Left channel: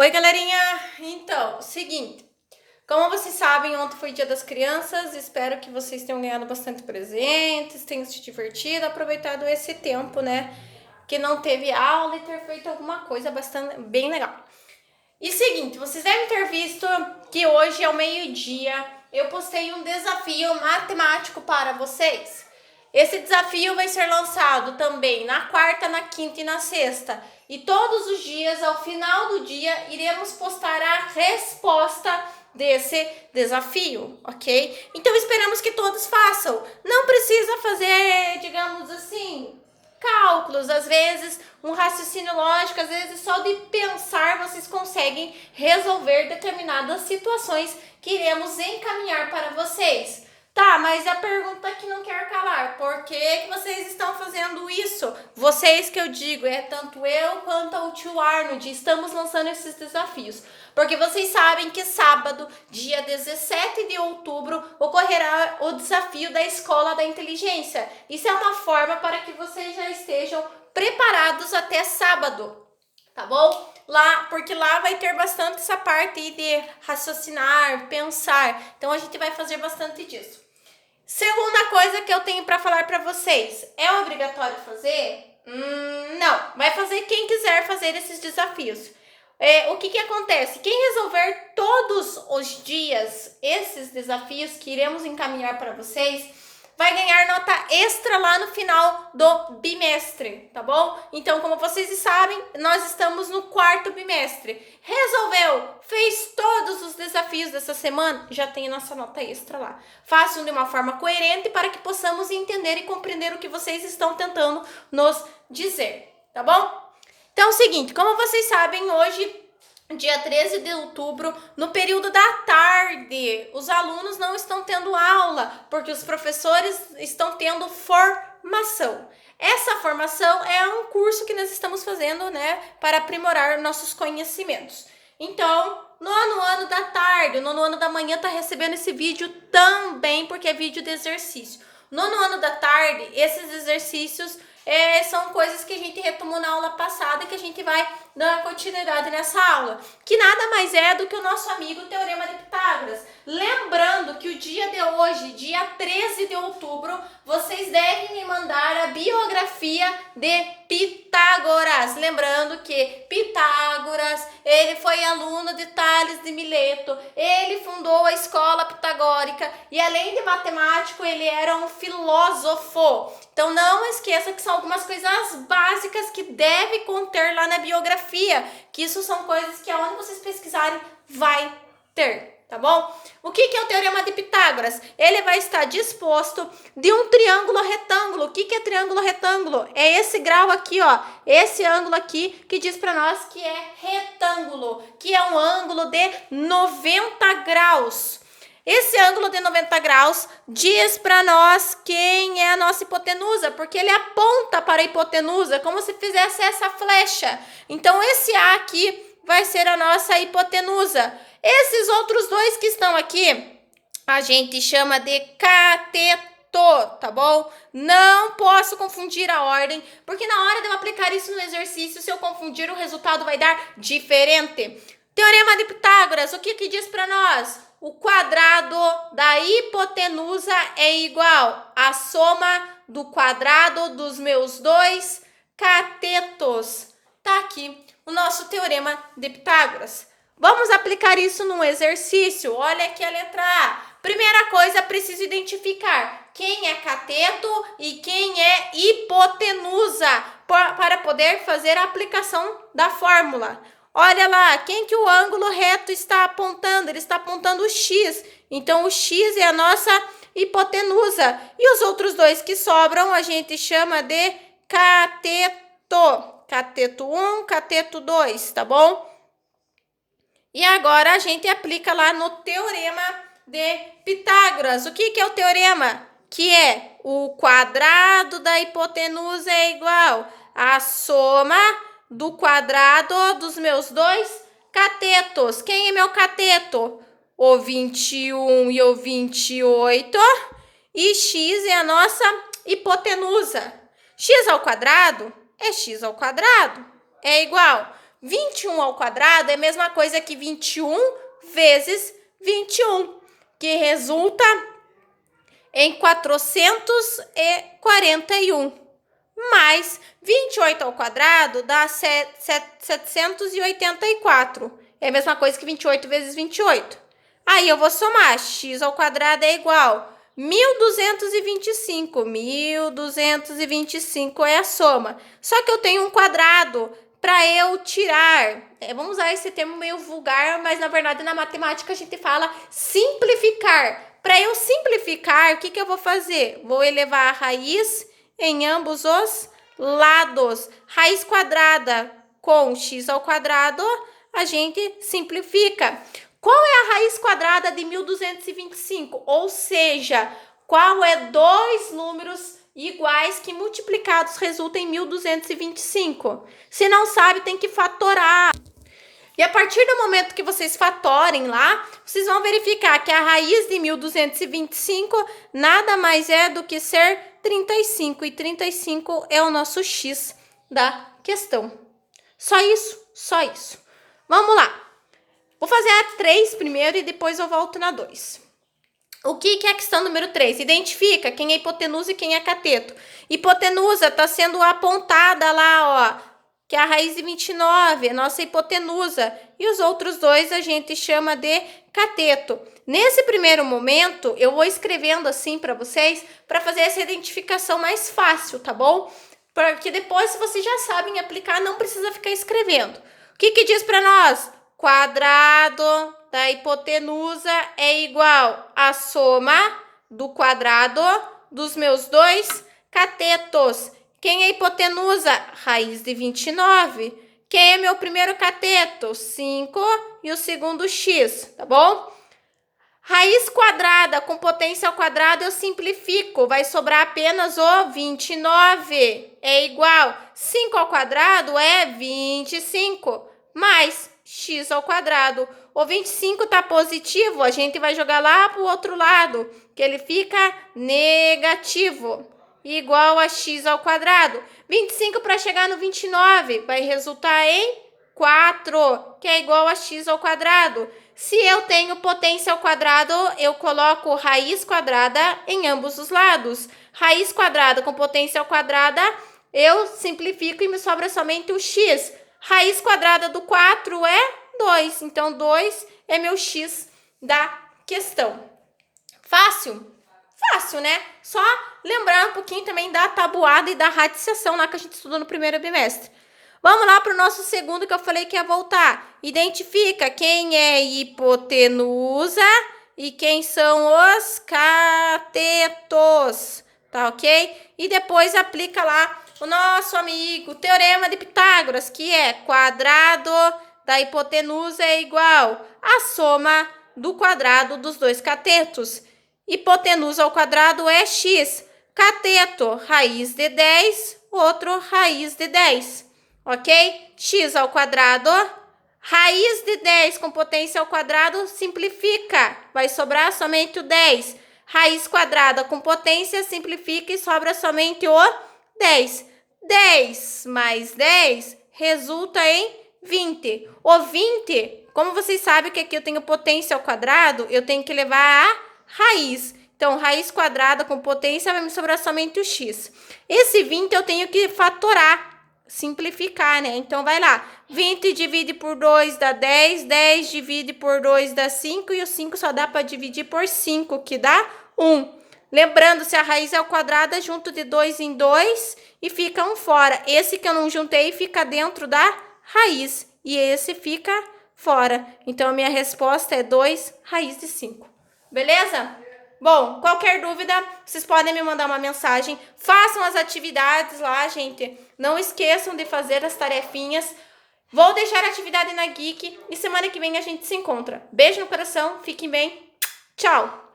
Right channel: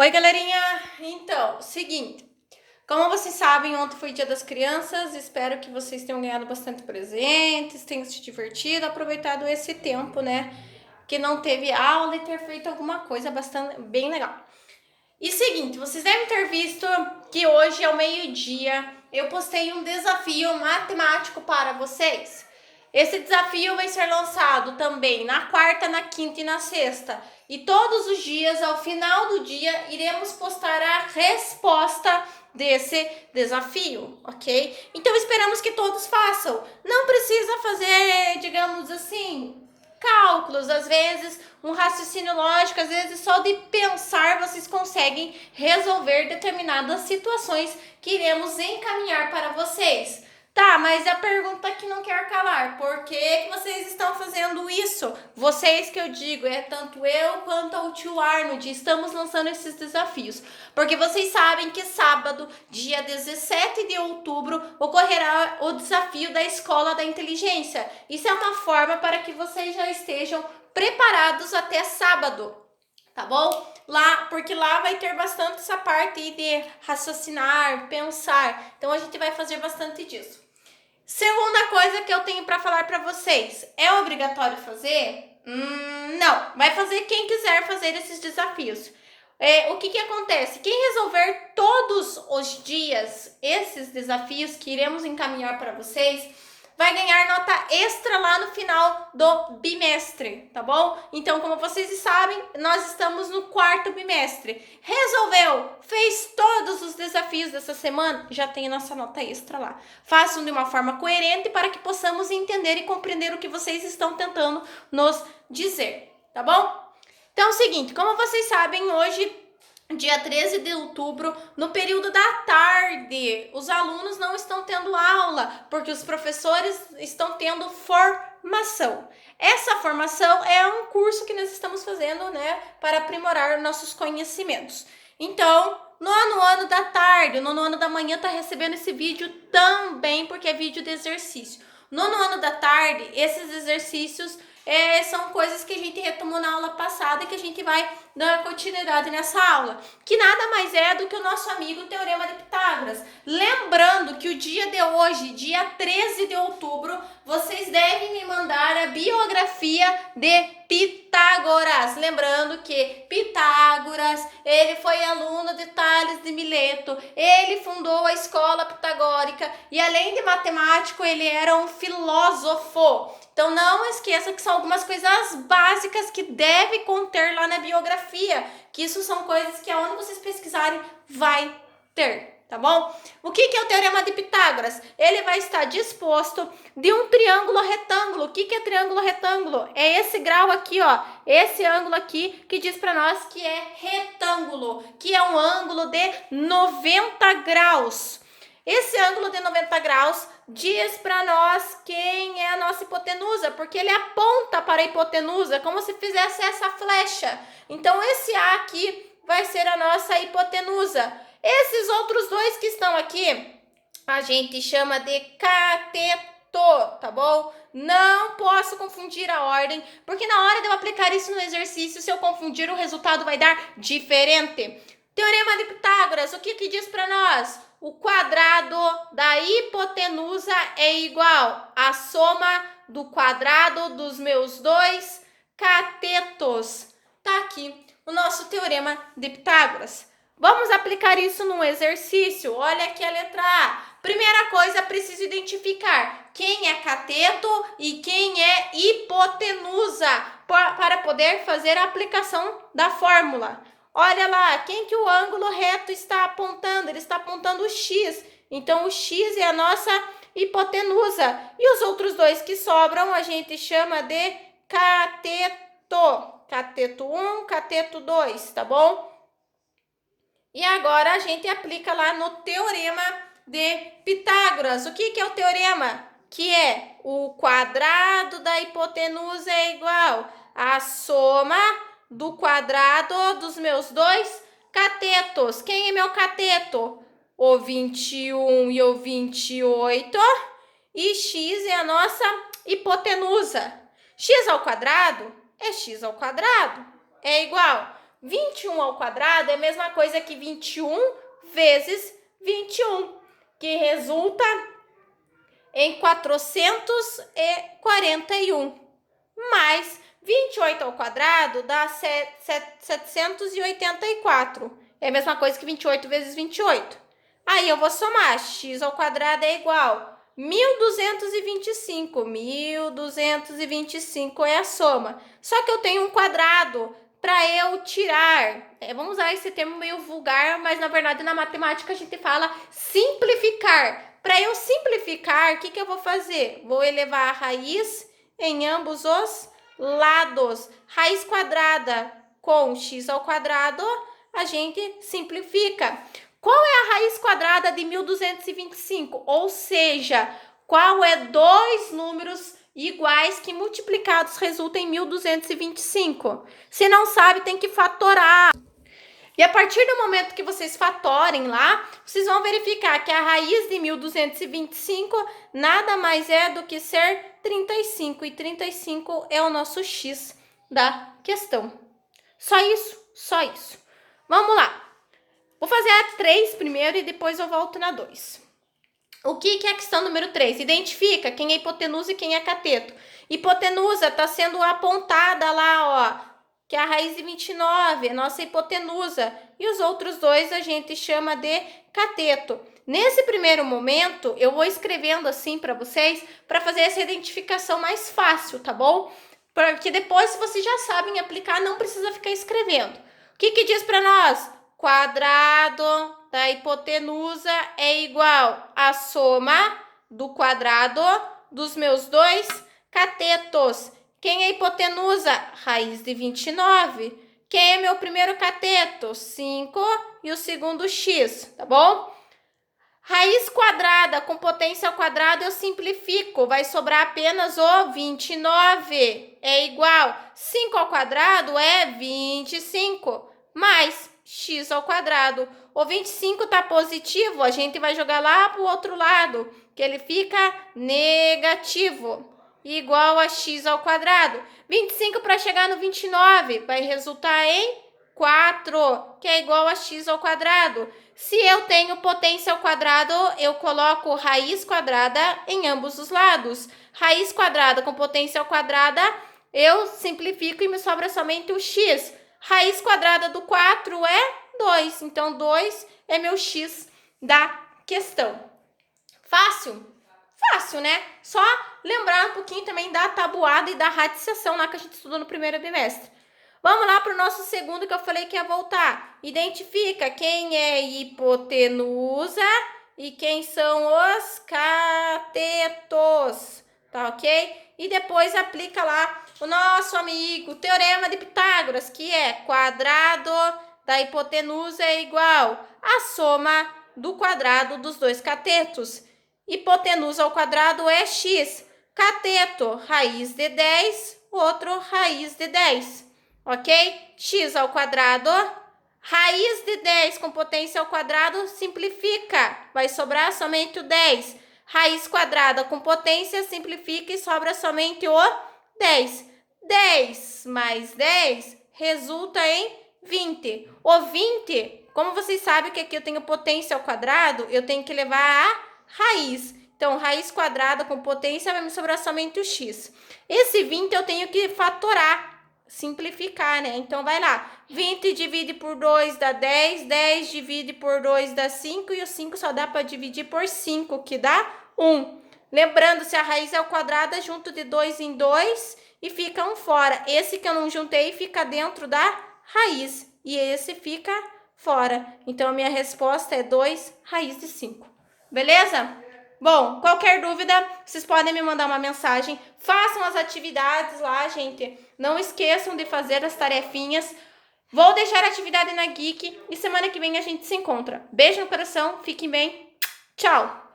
Oi, galerinha! Então, seguinte, como vocês sabem, ontem foi Dia das Crianças, espero que vocês tenham ganhado bastante presentes, tenham se divertido, aproveitado esse tempo, né, que não teve aula e ter feito alguma coisa bastante bem legal. E seguinte, vocês devem ter visto que hoje ao meio-dia eu postei um desafio matemático para vocês. Esse desafio vai ser lançado também na quarta, na quinta e na sexta. E todos os dias, ao final do dia, iremos postar a resposta desse desafio, ok? Então esperamos que todos façam. Não precisa fazer, digamos assim, cálculos, às vezes um raciocínio lógico, às vezes só de pensar vocês conseguem resolver determinadas situações que iremos encaminhar para vocês. Tá, mas a pergunta que não quer calar, por que vocês estão fazendo isso? Vocês que eu digo, tanto eu quanto o tio Arnold, estamos lançando esses desafios. Porque vocês sabem que sábado, dia 17 de outubro, ocorrerá o desafio da Escola da Inteligência. Isso é uma forma para que vocês já estejam preparados até sábado, tá bom? Porque lá vai ter bastante essa parte de raciocinar, pensar. Então a gente vai fazer bastante disso. Segunda coisa que eu tenho para falar para vocês, é obrigatório fazer? Não, vai fazer quem quiser fazer esses desafios. O que acontece? Quem resolver todos os dias esses desafios que iremos encaminhar para vocês, vai ganhar nota extra lá no final do bimestre, tá bom? Então, como vocês sabem, nós estamos no quarto bimestre. Resolveu, fez todos os desafios dessa semana, já tem nossa nota extra lá. Façam de uma forma coerente para que possamos entender e compreender o que vocês estão tentando nos dizer, tá bom? Então é o seguinte, como vocês sabem, hoje, dia 13 de outubro, no período da tarde, os alunos não estão tendo aula, porque os professores estão tendo formação. Essa formação é um curso que nós estamos fazendo, né, para aprimorar nossos conhecimentos. Então, no ano da tarde, no ano da manhã, tá recebendo esse vídeo também, porque é vídeo de exercício. No ano da tarde, esses exercícios são coisas que a gente retomou na aula passada e que a gente vai dar continuidade nessa aula, que nada mais é do que o nosso amigo Teorema de Pitágoras. Lembrando que o dia de hoje, dia 13 de outubro, vocês devem me mandar a biografia de Pitágoras. Lembrando que Pitágoras, ele foi aluno de Tales de Mileto, ele fundou a escola pitagórica e além de matemático, ele era um filósofo. Então não esqueça que são algumas coisas básicas que deve conter lá na biografia, que isso são coisas que aonde vocês pesquisarem vai ter, tá bom? O que é o Teorema de Pitágoras? Ele vai estar disposto de um triângulo retângulo. O que é triângulo retângulo? É esse grau aqui, ó, esse ângulo aqui que diz para nós que é retângulo, que é um ângulo de 90 graus. Esse ângulo de 90 graus diz para nós quem é a nossa hipotenusa, porque ele aponta para a hipotenusa, como se fizesse essa flecha. Então, esse A aqui vai ser a nossa hipotenusa. Esses outros dois que estão aqui, a gente chama de cateto, tá bom? Não posso confundir a ordem, porque na hora de eu aplicar isso no exercício, se eu confundir, o resultado vai dar diferente. Teorema de Pitágoras, o que diz para nós? O quadrado da hipotenusa é igual à soma do quadrado dos meus dois catetos. Tá aqui o nosso teorema de Pitágoras. Vamos aplicar isso num exercício. Olha aqui a letra A. Primeira coisa, preciso identificar quem é cateto e quem é hipotenusa para poder fazer a aplicação da fórmula. Olha lá, quem que o ângulo reto está apontando? Ele está apontando o X. Então, o X é a nossa hipotenusa. E os outros dois que sobram, a gente chama de cateto. Cateto 1, cateto 2, tá bom? E agora, a gente aplica lá no Teorema de Pitágoras. O que é o teorema? Que é o quadrado da hipotenusa é igual à soma do quadrado dos meus dois catetos. Quem é meu cateto? O 21 e o 28. E x é a nossa hipotenusa. X ao quadrado é x ao quadrado. É igual. 21 ao quadrado é a mesma coisa que 21 vezes 21, que resulta em 441. Mais 28 ao quadrado dá 784. É a mesma coisa que 28 vezes 28. Aí eu vou somar. X ao quadrado é igual 1.225. 1.225 é a soma. Só que eu tenho um quadrado para eu tirar. Vamos usar esse termo meio vulgar, mas na verdade na matemática a gente fala simplificar. Para eu simplificar, o que eu vou fazer? Vou elevar a raiz em ambos os lados. Raiz quadrada com x ao quadrado, a gente simplifica. Qual é a raiz quadrada de 1.225? Ou seja, qual é dois números iguais que multiplicados resultam em 1.225? Se não sabe, tem que fatorar. E a partir do momento que vocês fatorem lá, vocês vão verificar que a raiz de 1.225 nada mais é do que ser 35. E 35 é o nosso x da questão. Só isso, só isso. Vamos lá. Vou fazer a 3 primeiro e depois eu volto na 2. O que é a questão número 3? Identifica quem é hipotenusa e quem é cateto. Hipotenusa está sendo apontada lá, ó, que é a raiz de 29, a nossa hipotenusa. E os outros dois a gente chama de cateto. Nesse primeiro momento, eu vou escrevendo assim para vocês, para fazer essa identificação mais fácil, tá bom? Porque depois, se vocês já sabem aplicar, não precisa ficar escrevendo. O que diz para nós? Quadrado da hipotenusa é igual à soma do quadrado dos meus dois catetos. Quem é hipotenusa? Raiz de 29. Quem é meu primeiro cateto? 5 e o segundo x, tá bom? Raiz quadrada com potência ao quadrado eu simplifico. Vai sobrar apenas o 29. É igual. 5 ao quadrado é 25. Mais x ao quadrado. O 25 tá positivo, a gente vai jogar lá pro outro lado, que ele fica negativo. Igual a x ao quadrado. 25 para chegar no 29 vai resultar em 4, que é igual a x ao quadrado. Se eu tenho potência ao quadrado, eu coloco raiz quadrada em ambos os lados. Raiz quadrada com potência ao quadrada, eu simplifico e me sobra somente o x. Raiz quadrada do 4 é 2, então 2 é meu x da questão. Fácil? Fácil, né? Só lembrar um pouquinho também da tabuada e da radiciação lá que a gente estudou no primeiro bimestre. Vamos lá para o nosso segundo que eu falei que ia voltar. Identifica quem é hipotenusa e quem são os catetos, tá ok? E depois aplica lá o nosso amigo Teorema de Pitágoras, que é quadrado da hipotenusa é igual à soma do quadrado dos dois catetos. Hipotenusa ao quadrado é x. Cateto, raiz de 10, outro raiz de 10. Ok? X ao quadrado, raiz de 10 com potência ao quadrado, simplifica. Vai sobrar somente o 10. Raiz quadrada com potência, simplifica e sobra somente o 10. 10 mais 10 resulta em 20. O 20, como vocês sabem que aqui eu tenho potência ao quadrado, eu tenho que levar a raiz. Então, raiz quadrada com potência vai me sobrar somente o x. Esse 20 eu tenho que fatorar. Simplificar, né? Então, vai lá. 20 divide por 2 dá 10. 10 divide por 2 dá 5. E o 5 só dá para dividir por 5, que dá 1. Lembrando, se a raiz é ao quadrado, é junto de 2 em 2 e fica um fora. Esse que eu não juntei fica dentro da raiz. E esse fica fora. Então, a minha resposta é 2 raiz de 5. Beleza? Bom, qualquer dúvida, vocês podem me mandar uma mensagem. Façam as atividades lá, gente. Não esqueçam de fazer as tarefinhas. Vou deixar a atividade na Geek e semana que vem a gente se encontra. Beijo no coração, fiquem bem. Tchau!